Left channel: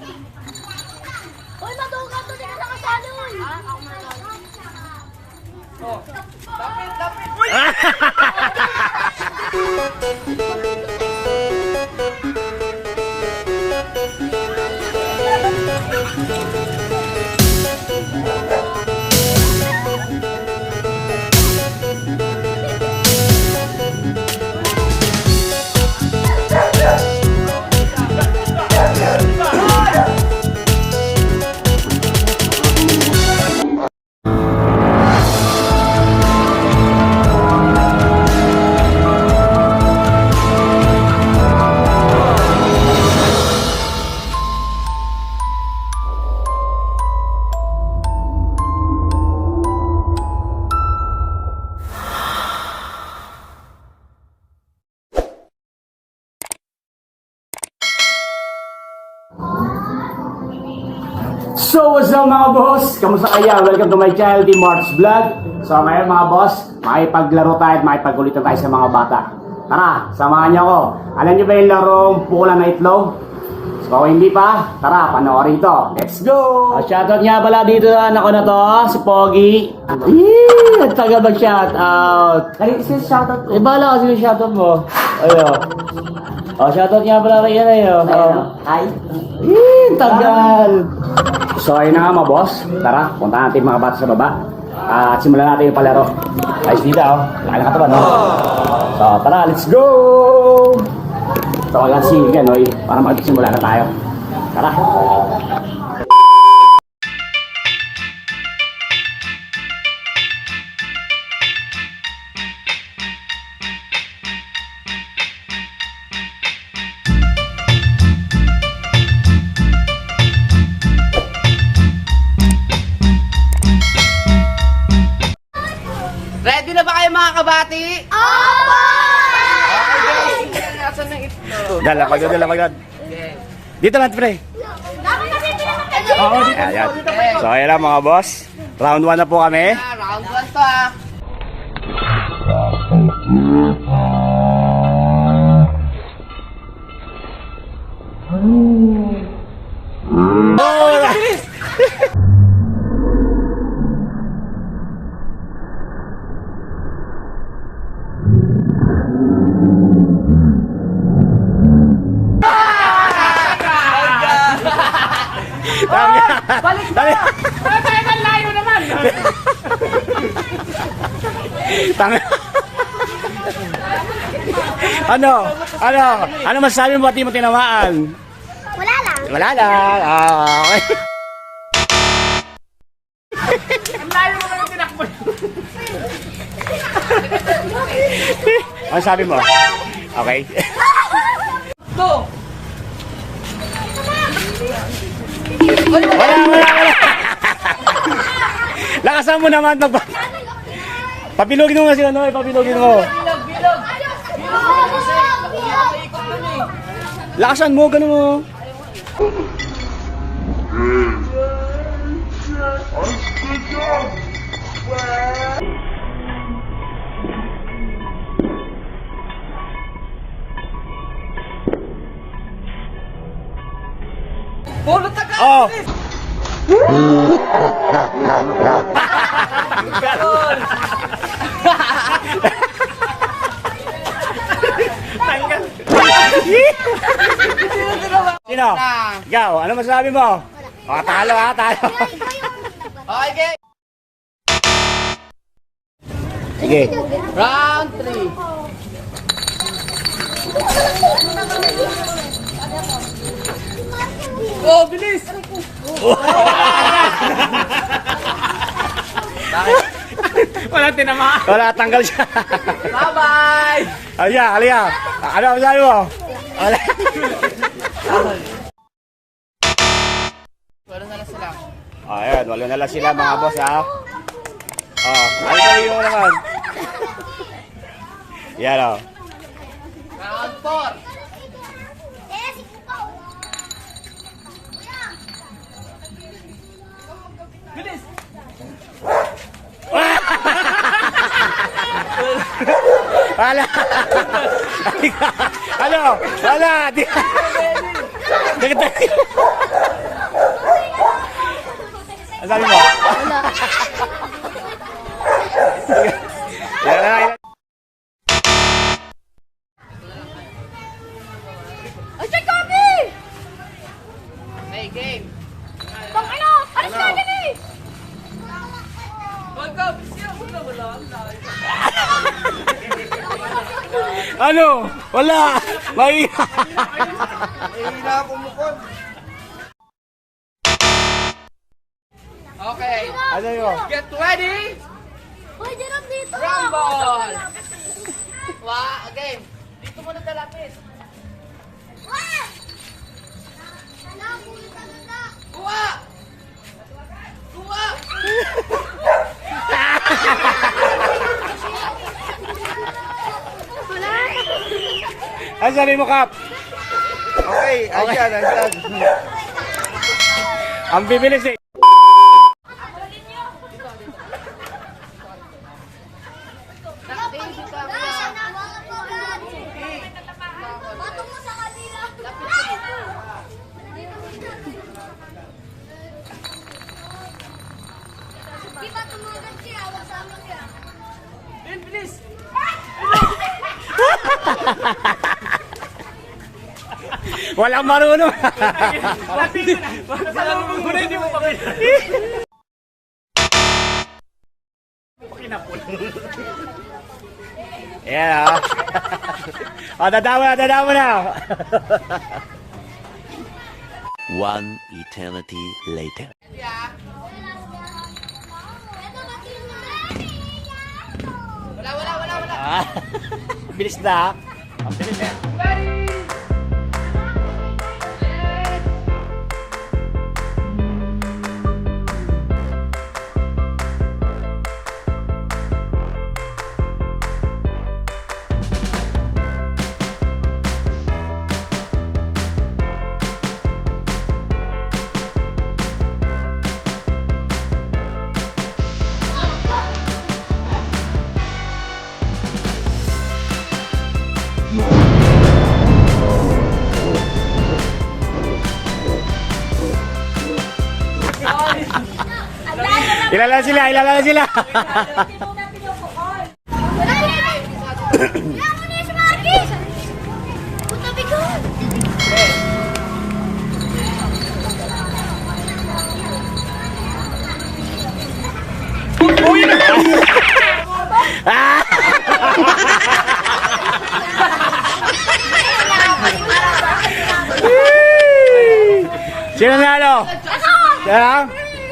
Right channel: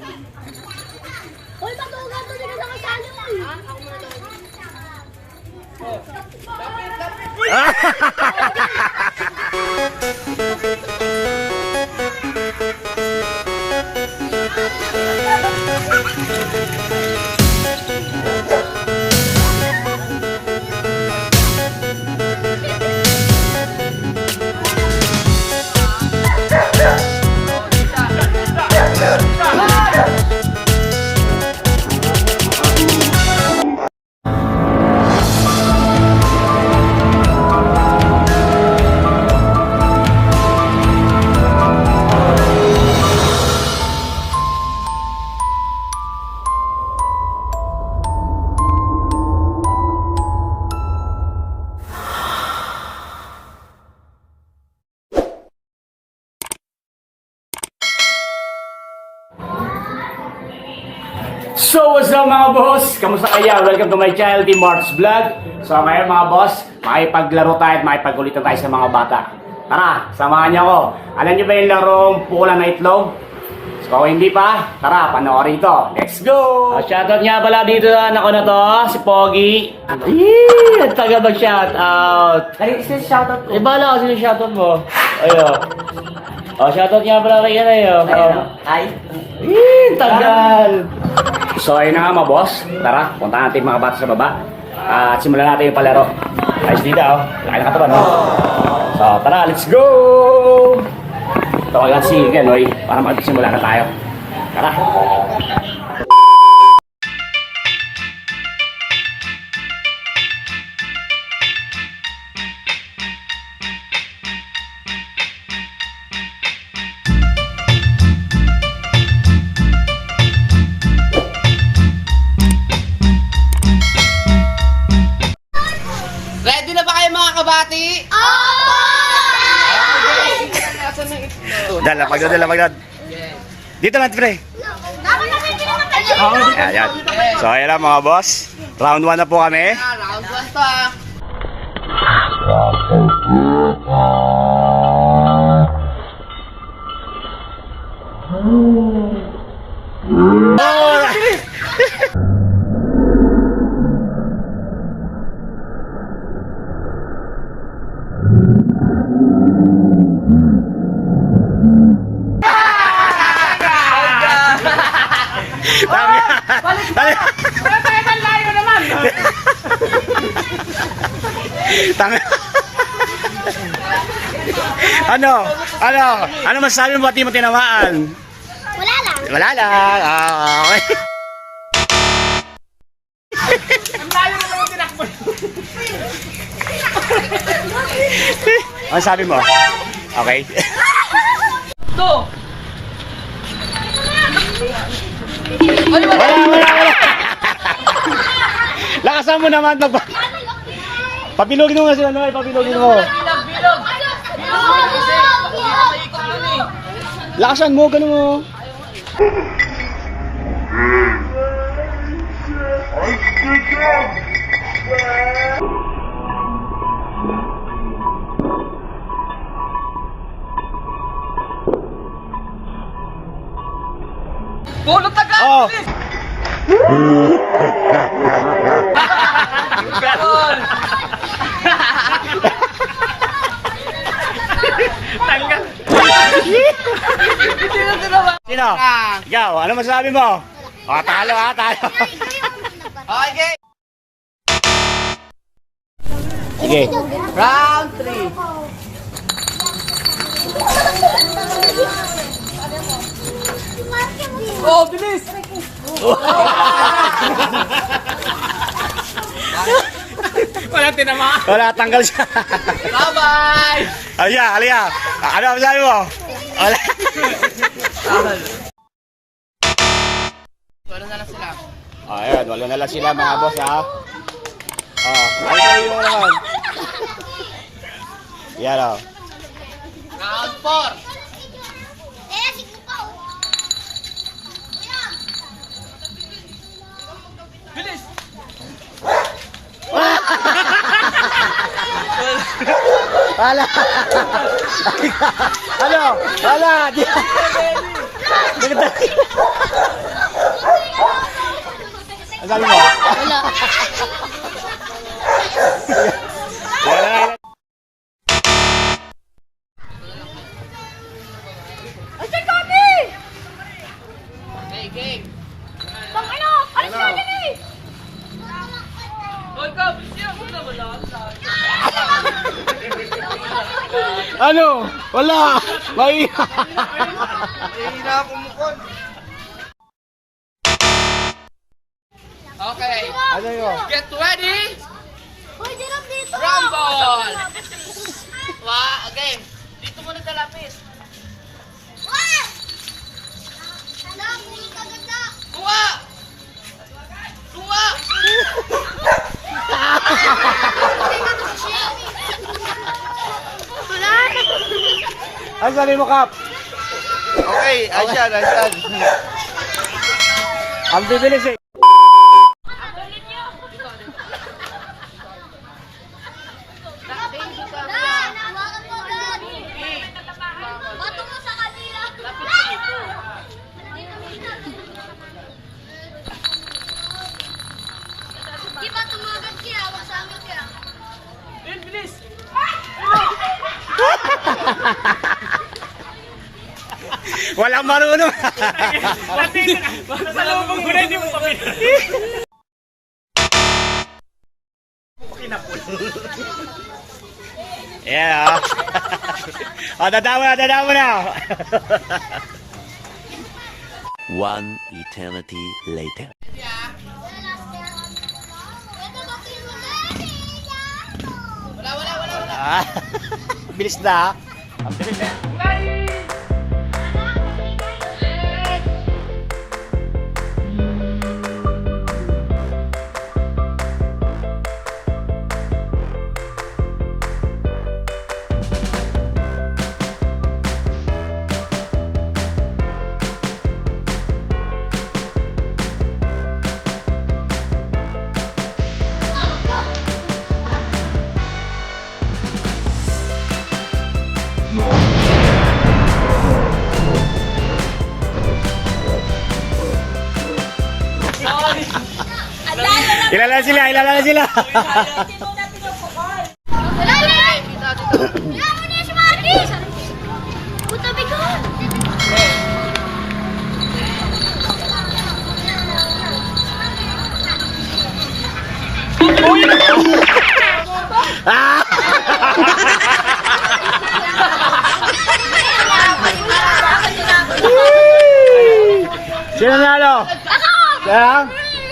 Uy, matungkad to dito sa kasalo. So what's up mga boss? Kamusta kayo? Welcome to my channel, Team Marks Vlog. So ngayon mga boss, makipaglaro tayo at makipagkulitan tayo sa mga bata. Tara, samahan niyo ako. Alam niyo ba yung larong pukulan na itlog? So kung hindi pa, tara, panoorin ito. Let's go! Shoutout nga pala dito na ako na to, si Pogi. At taga mag-shoutout. Kaya isa shoutout mo? Bala kasi yung shoutout mo. Ayun. Shoutout nga pala kay Kanayo. Hi. Tagal. So ayun na nga mga boss, tara, punta natin mga bata sa baba at simulan natin yung palaro. Ayos dito, laki na katawan, no? So tara, let's go! Tawagan si Ganoy para magsimula na tayo. Tara! Ready na ba kayo mga kabati? Dalapagod. Dito lang, pre. Ayan. So ayan lang mga boss. Round 1 na po kami. Round 1 to ah. Tama. Tama. Ano masasabi mo, di mo tinamaan? Wala lang. Wala lang. Okay. Ano sabi mo? Okay. Wala. Lakasan mo naman. Papilugin mo nga si Onoy. Papilugin mo. Lakasan mo. Ganun mo. Pulot agad! Oh! Sino? Ikaw, ano masasabi mo? Talo. Okay! Sige. Round 3. Oh, bilis! Wala, tanggal siya. Bye-bye! Alya. Ano masasabi mo? Wala. Wala na lang sila. Ayan, wala na lang sila mga boss ha. Ano yung naman? Yan o. Round 4. Bilis! Wala. Ano? Wala. Sabi mo? Wala. Yan na. Ay, saan kami? Hey, game. Pang ano? Alis na dyan eh! Huwag ka, bisya mo na wala. Ano? Wala. May... Okay. Ano yun? Get ready. Uy, dirap dito! Rumble. Game. Dito muna dalapit. Ah! Hala, puli ka ganda! Kuha! Kuha! Wala! Ano sabi mo, Kap? Okay, ayan. Ang bibilis eh. Bato mo sa kanila! Di ba tumagat kaya? Huwag sa amin kaya. Walang marunong. Yan ah. Dadamo na. One eternity later. Wala. Ah, bilis na. Ilala sila. Ilang mo niya si Marky! Puta bigot! Sino nalo? Ako! Yan.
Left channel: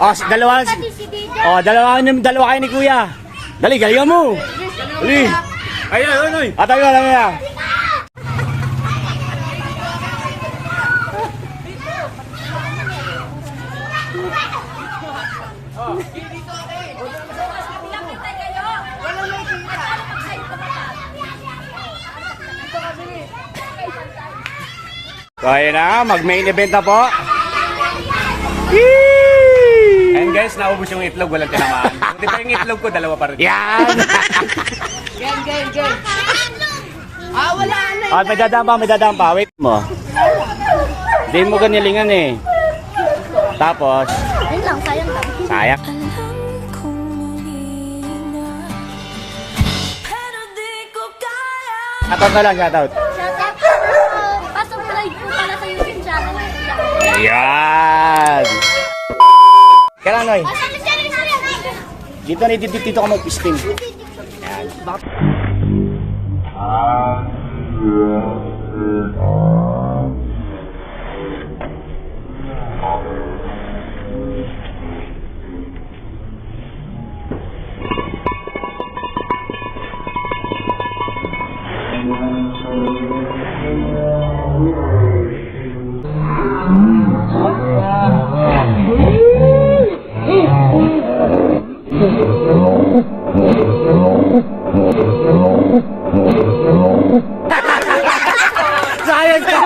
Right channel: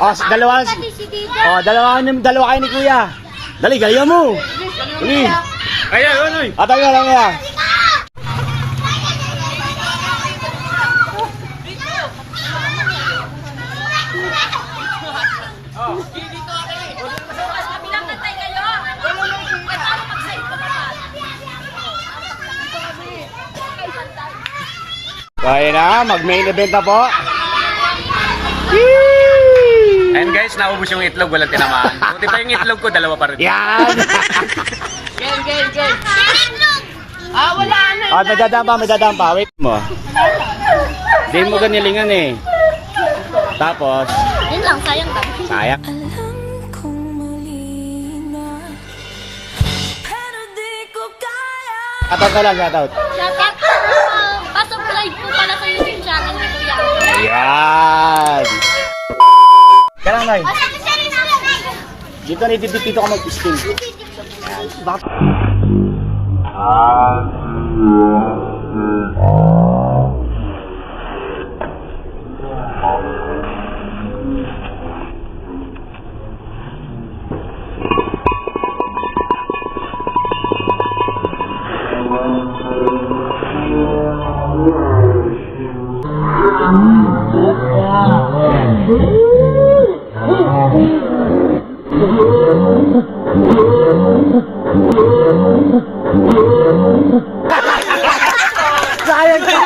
Oh, dalawa. Si Didi. Oh, dalawa kayo ni Kuya. Dali, galingan mo. Dali. Ayan. Atay lang yan. So, ayun na, mag-main event na po. Ayun guys, naubos yung itlog, walang tinamaan. Buti pa yung itlog ko, dalawa pa rin. Yan! Game. Wala na. Ah, may dadaan pa. Wait mo. Hindi mo ganilingan eh. Tapos, Yun lang, sayang ka. sayang. Alam kong mali na, pero di ko kaya. Shoutout ka lang, shoutout. Shoutout! Pasok live po pala sa YouTube channel ni Kuya. Ayan! Kailan, Noy? Pasok sa inyo namin! Dito ka mag-spin. Sayang ka!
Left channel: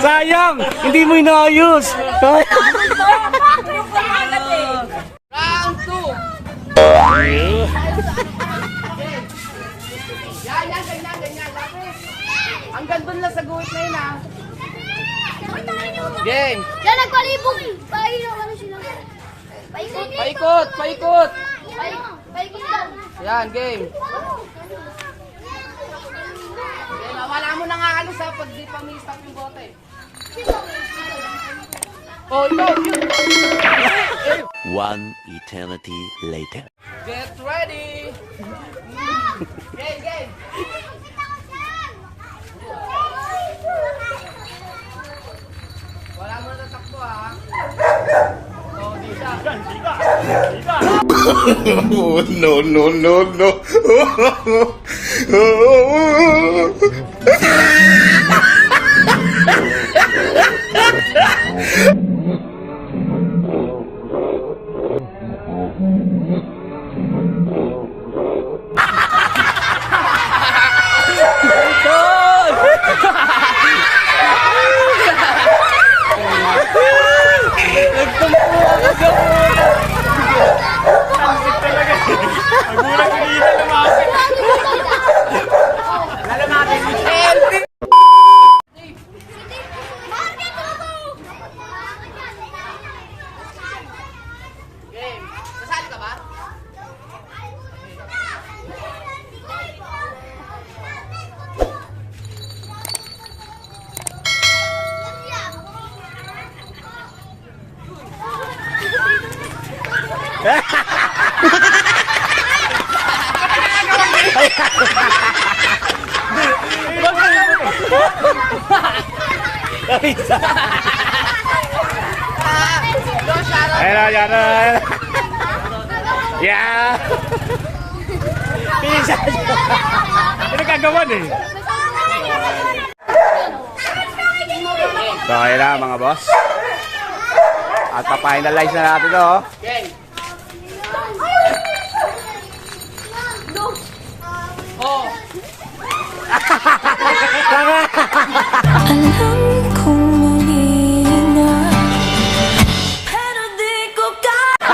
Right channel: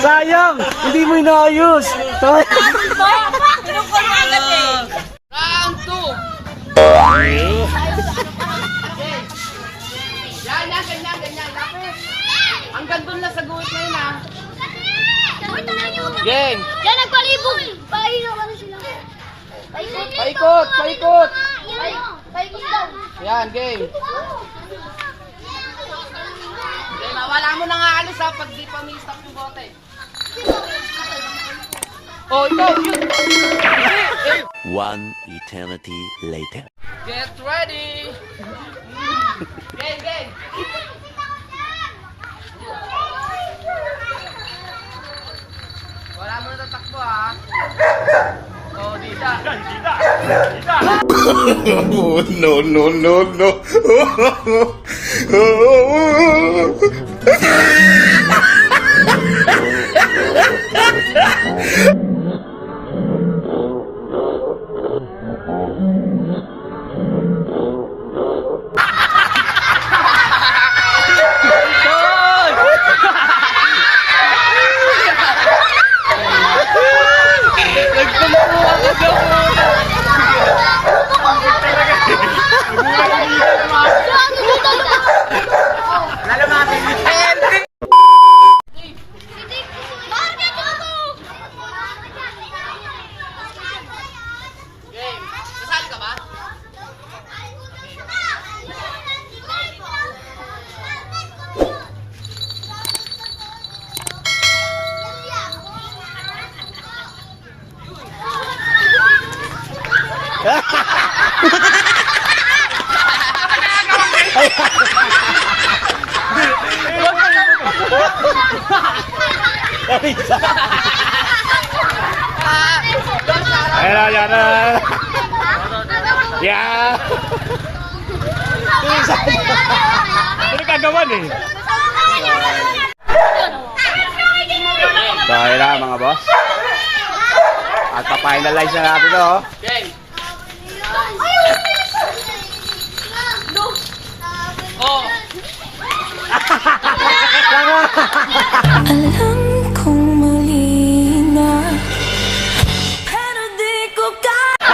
Sayang! Hindi mo inaayos! Round 2. Ganyan. Lapit. Hanggang dun na sa guhit na yun, ha. Sabay tayo! Game. Yan, nagpalibog. Paino, ano sila? Paikot, paikot. Paikot daw. Yan, game. Game, wala mo na nga alis ha pag di pa may stop yung bote. Oh, ito. One eternity later. Get ready. Game, game. Wala mo na tatakbo ha. Oh, dita. Oh, no, no, no, no. Game. Kasali ka ba? Ayan na, yan na. Yeah! Pinsan! Ano kagawan eh? So, ayan na mga boss. At pa-finalize na natin to. Oh. Game. Oh. Alam kong mali na, pero di ko kaya.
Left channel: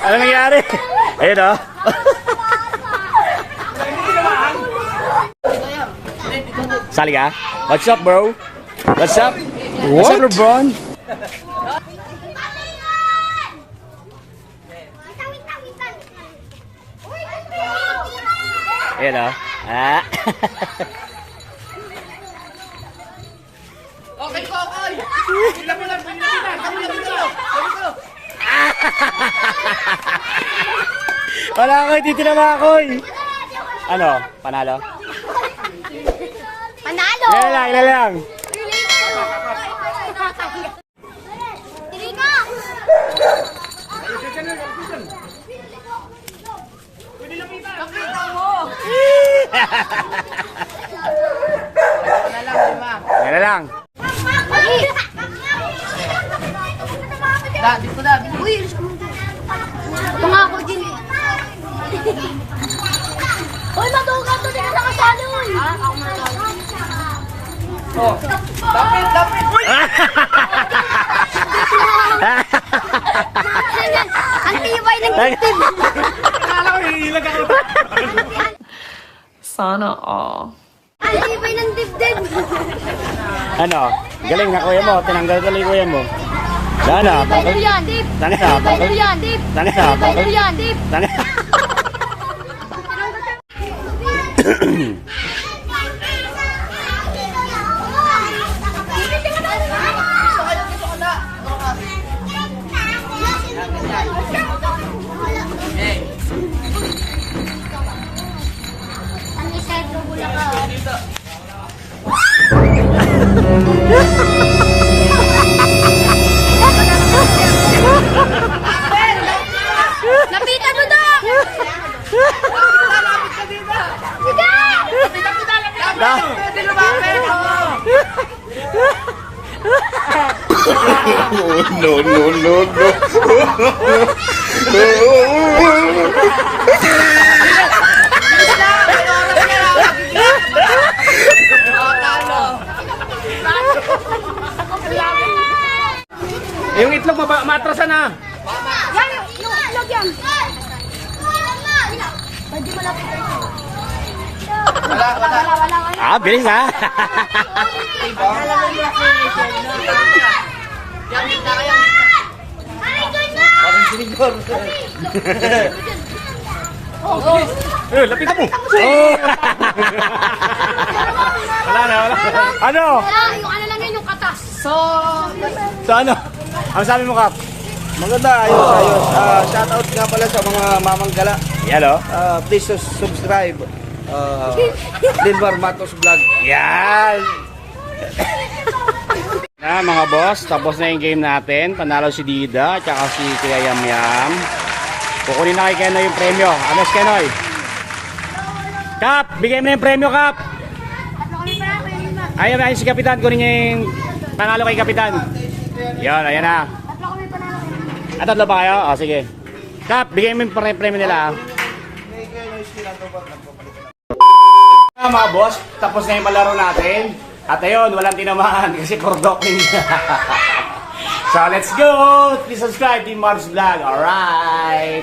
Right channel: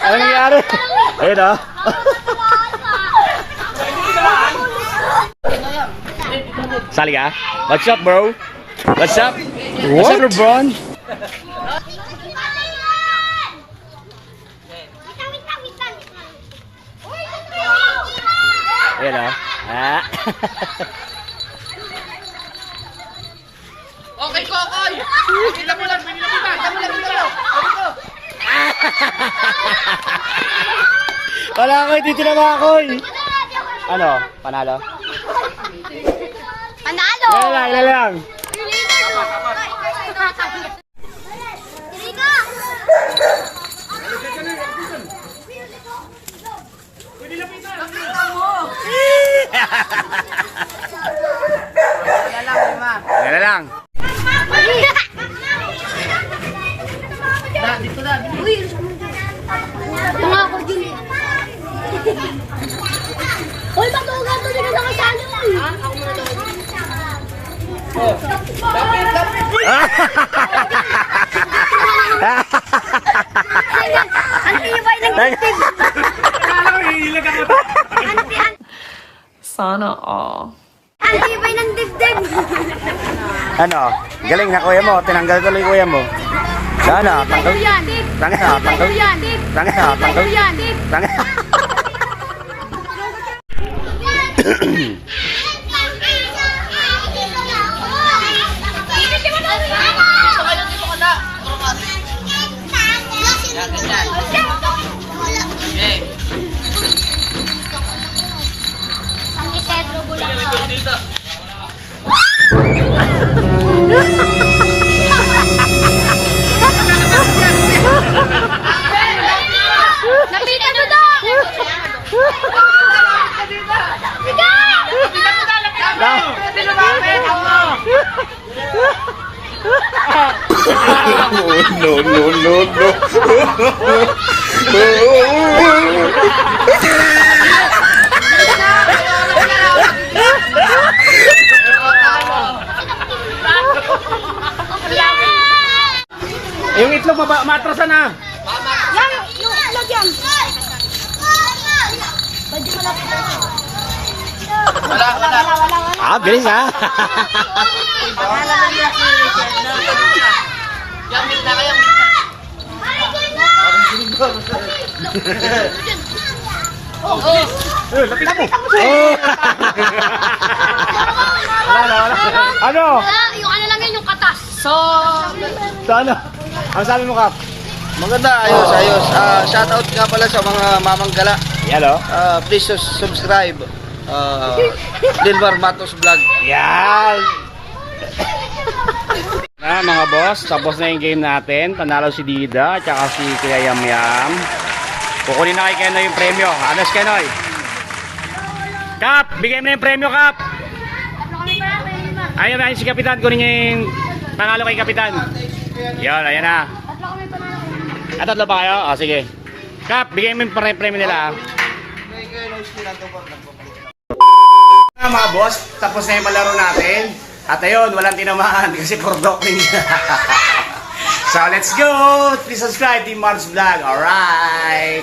Ano nangyari? Ayun o. Sali ka? What's up, bro? What's up? What's up, LeBron? Ayun o. Ah. Okay, Kokoy. Kita mo lang, pinila kita. Dami ko. Wala ko, dito na mga koy. Ano? Panalo? Panalo! Ilan lang. Wala lang, lima. Ilan lang. Da, dito na. Uy, tunga ko din. Uy, matungka to, di ka nakasalo. Kapit, kapit. Ang tibay ng dibdib. Sana all. Ang tibay ng dibdib. Ano? Galing na kuya mo. Tinanggal tuloy kuya mo. Sana, tanggal. Sana, tanggal. Sana, tanggal. Sana. Dito ka na. Yan, ganyan. Game. Ang Isidro Bulacan. Dito. Napita mo daw! Oh, no, no, no, no. Yung itlog matrasan na. Yan! Yung itlog yan! Pwede mo lang. Wala, wala. Wala. Bilis ha. Yung na kayo. Lapitan mo. Wala. Ano? Yung ano lang yun, yung katas. So ano? Ang sabi mo, Kap? Maganda, ayos. Shoutout nga pala sa mga mamanggala. Yan o. Please subscribe. Lilmar Matos Vlog. Yan! Na mga boss, tapos na yung game natin. Panalo si Dida at saka si Kuya Yam Yam. Kukunin na kay Kenoy yung premyo. Ano si Kenoy? Kap! Bigay mo na yung premyo, Kap! Ayun si Kapitan. Kunin niya yung panalo kay Kapitan. Yan, ayan na. Tatlo ba kayo? O, sige. Kap, bigay mo yung premyo nila. Mga boss, tapos na yung malaro natin. At ayun, walang tinamaan kasi kordok niya. So let's go! Please subscribe, Team Mars Vlog. Alright!